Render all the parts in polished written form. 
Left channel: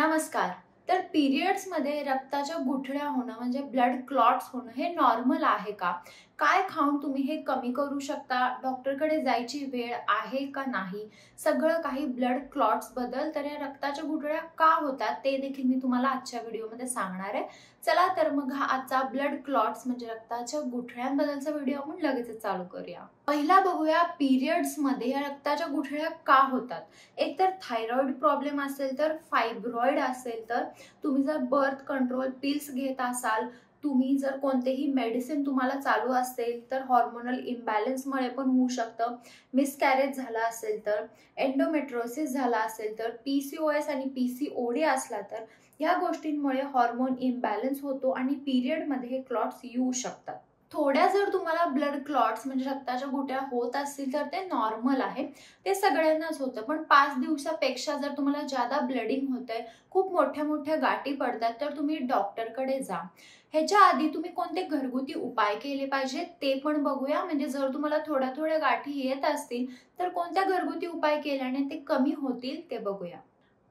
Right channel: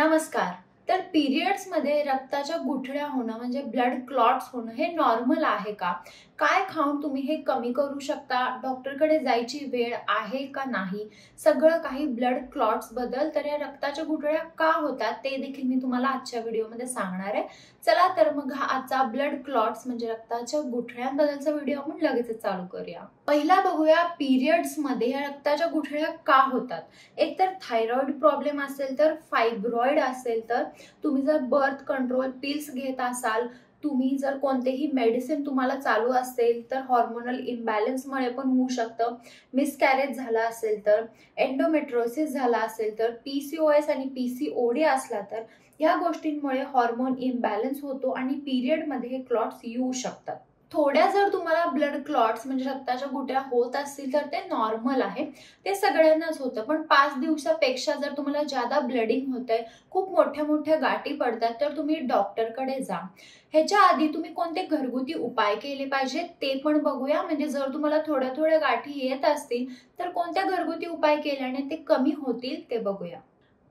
नमस्कार। तर पिरियड्स मध्ये रक्ताच्या गुठळ्या होणं म्हणजे ब्लड क्लॉट्स होणं हे नॉर्मल आहे का? काय खाऊन तुम्ही हे कमी करू शकता? डॉक्टरकडे जायची वेळ आहे का नाही? सगळं काही ब्लड क्लॉट्स बद्दल, तर या रक्ताच्या गुठळ्या का होतात ते देखील मी तुम्हाला आजच्या व्हिडिओमध्ये सांगणार आहे। चला तर मग हा आजचा ब्लड क्लॉट्स म्हणजे रक्ताच्या गुठळ्यांबद्दलचा व्हिडिओ आपण लगेचच चालू करूया। पहिला बघूया पिरियड्स मध्ये या रक्ताच्या गुठळ्या का होतात। एक तर थायरॉइड प्रॉब्लेम असेल, तर फायब्रॉइड असेल, तर तुम्ही जर बर्थ कंट्रोल पिल्स घेत असाल, तुम्ही जर कोणतेही मेडिसिन तुम्हाला चालू असेल, तर हार्मोनल इम्बॅलन्समुळे पण होऊ शकतं। मिसकॅरेज झाला असेल, तर एंडोमेट्रोसिस झाला असेल, तर पीसीओएस आणि पीसीओडी असला, तर या गोष्टींमुळे हार्मोन इम्बॅलन्स होतो आणि पिरियड मध्ये हे क्लॉट्स येऊ शकतात। थोड्या जर तुम्हाला ब्लड क्लॉट्स म्हणजे रक्ताच्या गुठळ्या होत असतील, तर ते नॉर्मल आहे, ते सगळ्यांनाच होतं। पण 5 दिवसापेक्षा जर तुम्हाला जादा ब्लडिंग होतंय, खूप मोठ्या मोठ्या गाठी पडतात, तर तुम्ही डॉक्टरकडे जा। ह्याच्या आधी तुम्ही कोणते घरगुती उपाय केले पाहिजे ते पण बघूया। म्हणजे जर तुम्हाला थोड्या थोड्या गाठी येत असतील, तर कोणत्या घरगुती उपाय केल्याने ते कमी होतील ते बघूया।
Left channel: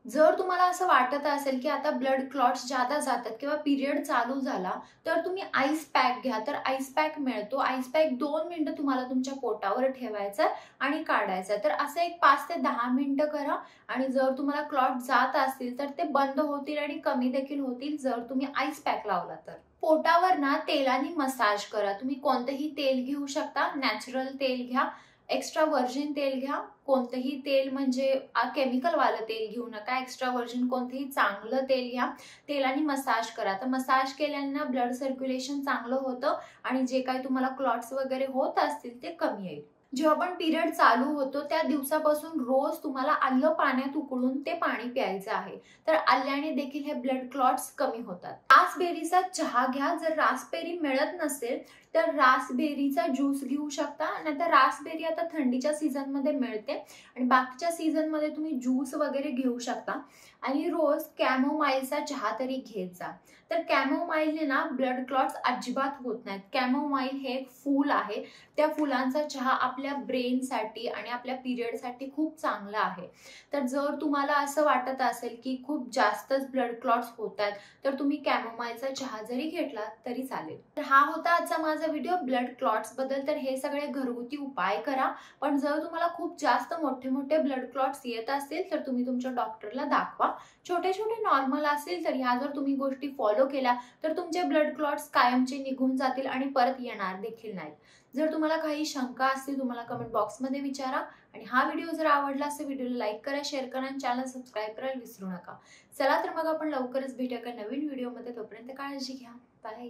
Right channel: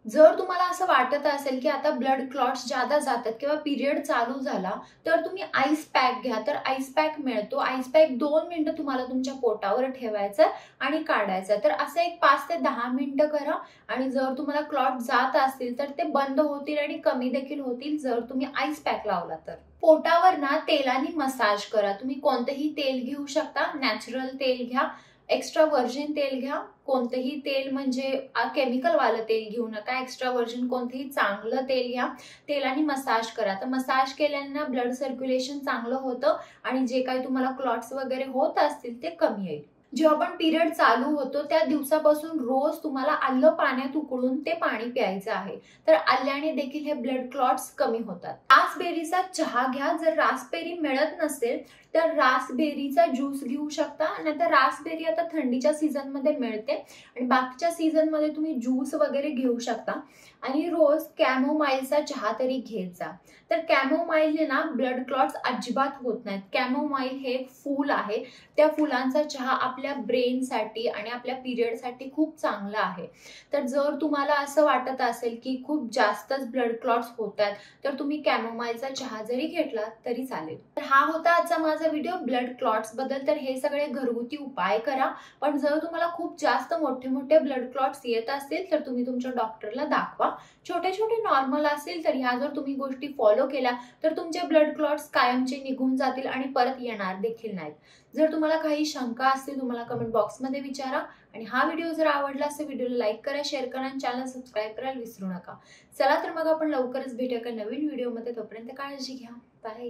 जर तुम्हाला असं वाटत असेल की आता ब्लड क्लॉट्स जादा जातात किंवा पिरियड चालू झाला, तर तुम्ही आईस पॅक घ्या। तर आईस पॅक मिळतो, आईस पॅक 2 मिनिटं तुम्हाला तुमच्या पोटावर ठेवायचं आणि काढायचं। तर असं एक 5 ते 10 मिनिटं करा आणि जर तुम्हाला क्लॉट जात असतील, तर ते बंद होतील आणि कमी देखील होतील जर तुम्ही आईस पॅक लावला तर। पोटावर ना तेलाने मसाज करा। तुम्ही कोणतेही तेल घेऊ शकता, नॅचरल तेल घ्या, एक्स्ट्रा व्हर्जिन तेल घ्या। कोणतेही तेल म्हणजे केमिकल वालं तेल घेऊ नका, एक्स्ट्रा व्हर्जिन कोणतेही चांगलं तेल घ्या, तेलाने मसाज करा। तर मसाज केल्याने ब्लड सर्क्युलेशन चांगलं होतं आणि जे काही तुम्हाला क्लॉट्स वगैरे होत असतील ते कमी येईल। जेव्हा पण पिरियड चालू होतो त्या दिवसापासून रोज तुम्हाला आलं पाण्यात उकळून ते पाणी प्यायचं आहे। तर आल्याने देखील हे ब्लड क्लॉट्स कमी होतात। रासबेरीचा चहा घ्या। जर रासबेरी मिळत नसेल, तर रासबेरीचा ज्यूस घेऊ शकता। नाहीतर रासबेरी आता थंडीच्या सीझन मध्ये मिळते आणि बाकीच्या सीझन मध्ये तुम्ही ज्यूस वगैरे घेऊ शकता। आणि रोज कॅमोमाईलचा चहा तरी घेत जा। तर कॅमोमाईलने ना ब्लड क्लॉट्स अजिबात होत नाहीत। कॅमोमाईल हे एक फूल आहे, त्या फुलांचा चहा आपल्या ब्रेनसाठी आणि आपल्या पिरियडसाठी खूप चांगला आहे। तर जर तुम्हाला असं वाटत असेल की खूप जास्तच ब्लड क्लॉट्स होत आहेत, तर तुम्ही कॅमोमाईलचा चहा जरी घेतला तरी चालेल। तर हा होता आजचा माझा व्हिडिओ ब्लड क्लॉट्स बद्दल। तर हे सगळे घरगुती उपाय करा, पण जर तुम्हाला खूप जास्त मोठे मोठे ब्लड क्लॉट्स येत असतील, तर तुम्ही तुमच्या डॉक्टरला दाखवा। छोटे छोटे नॉर्मल असतील, तर ह्या जर तुम्ही गोष्टी फॉलो केल्या, तर तुमचे ब्लड क्लॉट्स कायमचे निघून जातील आणि परत येणार देखील नाहीत। जर तुम्हाला काही शंका असतील, तुम्हाला कमेंट बॉक्समध्ये विचारा। आणि हा व्हिडिओ जर आवडला असेल, व्हिडिओला लाईक करा, शेअर करा आणि चॅनल सबस्क्राईब करायला विसरू नका। चला तर मग आपण लवकरच भेटूया एका नवीन व्हिडिओमध्ये। तोपर्यंत काळजी घ्या, बाय।